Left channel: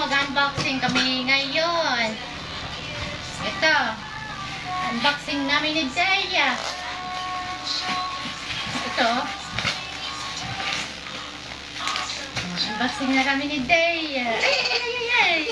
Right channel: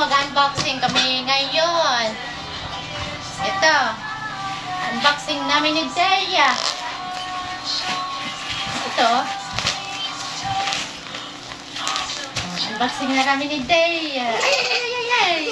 mag-unboxing kami ngayon. Ito. Unboxing namin ni Deya. Ito. Unboxing na kami ni Deya. Ay, ay, ay, ay, ay.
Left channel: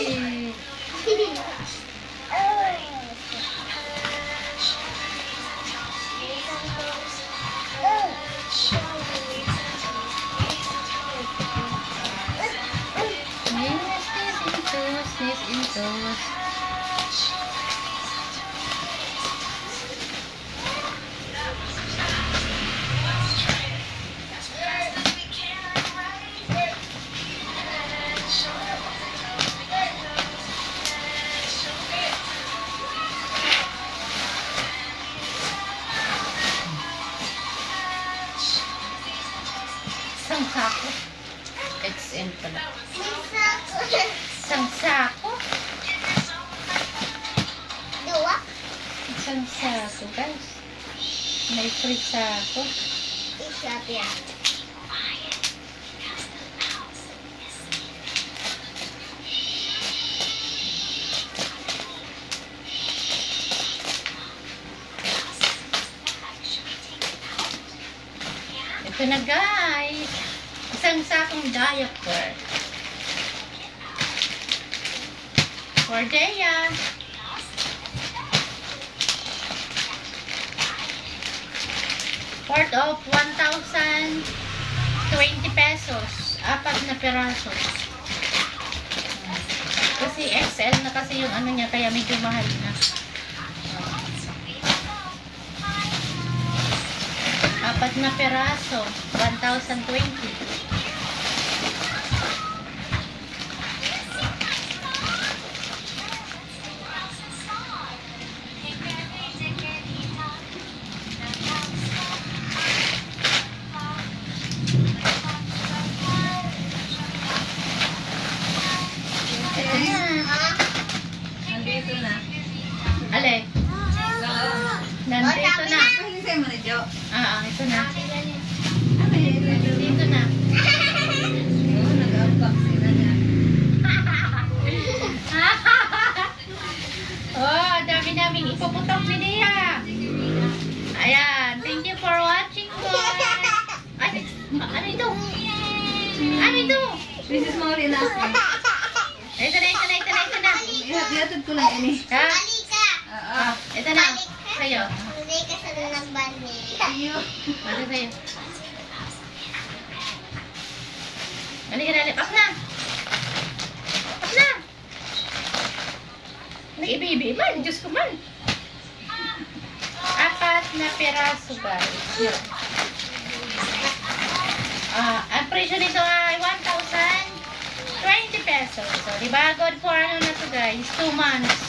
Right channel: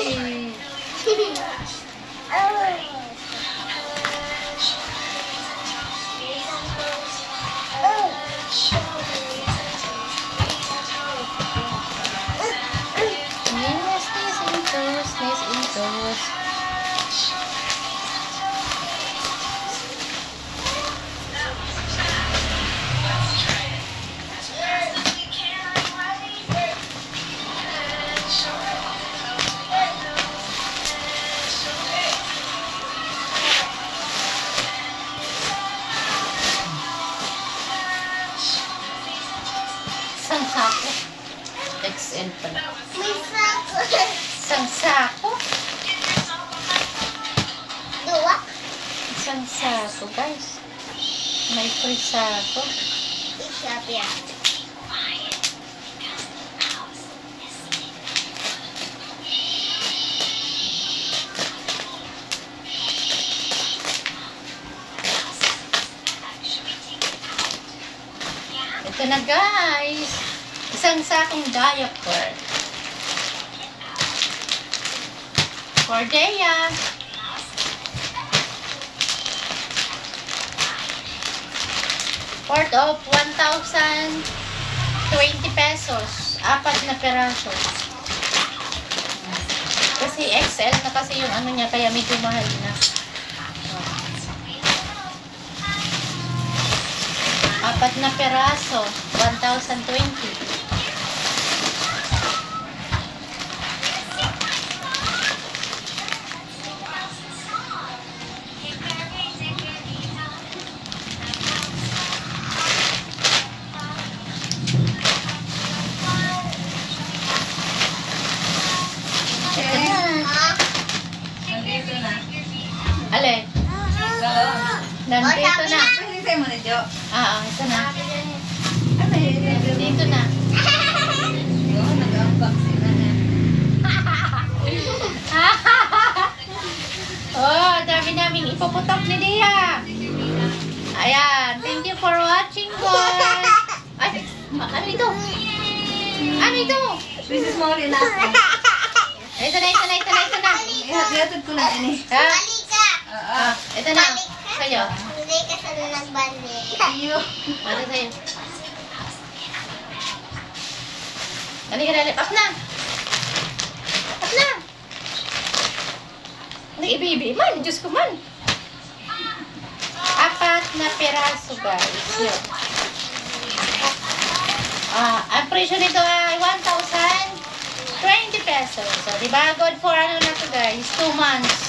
Isang sako. XL pala. May sako. Isang sako? Dua? Isang sako, guys. May free sako. Isa piya. Ito na, guys. Isang sakong diaper. For Deya. Worth of 1,020 pesos. 4 na peraso. Kasi XL na kasi yung ano niya, kaya medyo mahal na. 4 na peraso, 1,020. Nandito na. Alin? Nandito na. Hinintay mo na, Jo. Ito na. Dito na. Oo, nag-unboxing na na. Oh, dami naming ipuputok ni Deya. Ayan. Thank you for watching, guys. Ay, ano ito? Ano ito? This is more than nothing. Ito na. Ihatid ko lang ini. Ha? Halika. Ito na. Sa'yo. Hindi ka sa nagbandi. Iyo. Ito sa'yo. Halika, up na. Up na. Nag-ibi-ibi man. Diyos ko man. 4 na peraso, guys. Yun. Ang presyo nito ay 1,020 pesos. So, diba? Good for ano na to, guys? 2 months.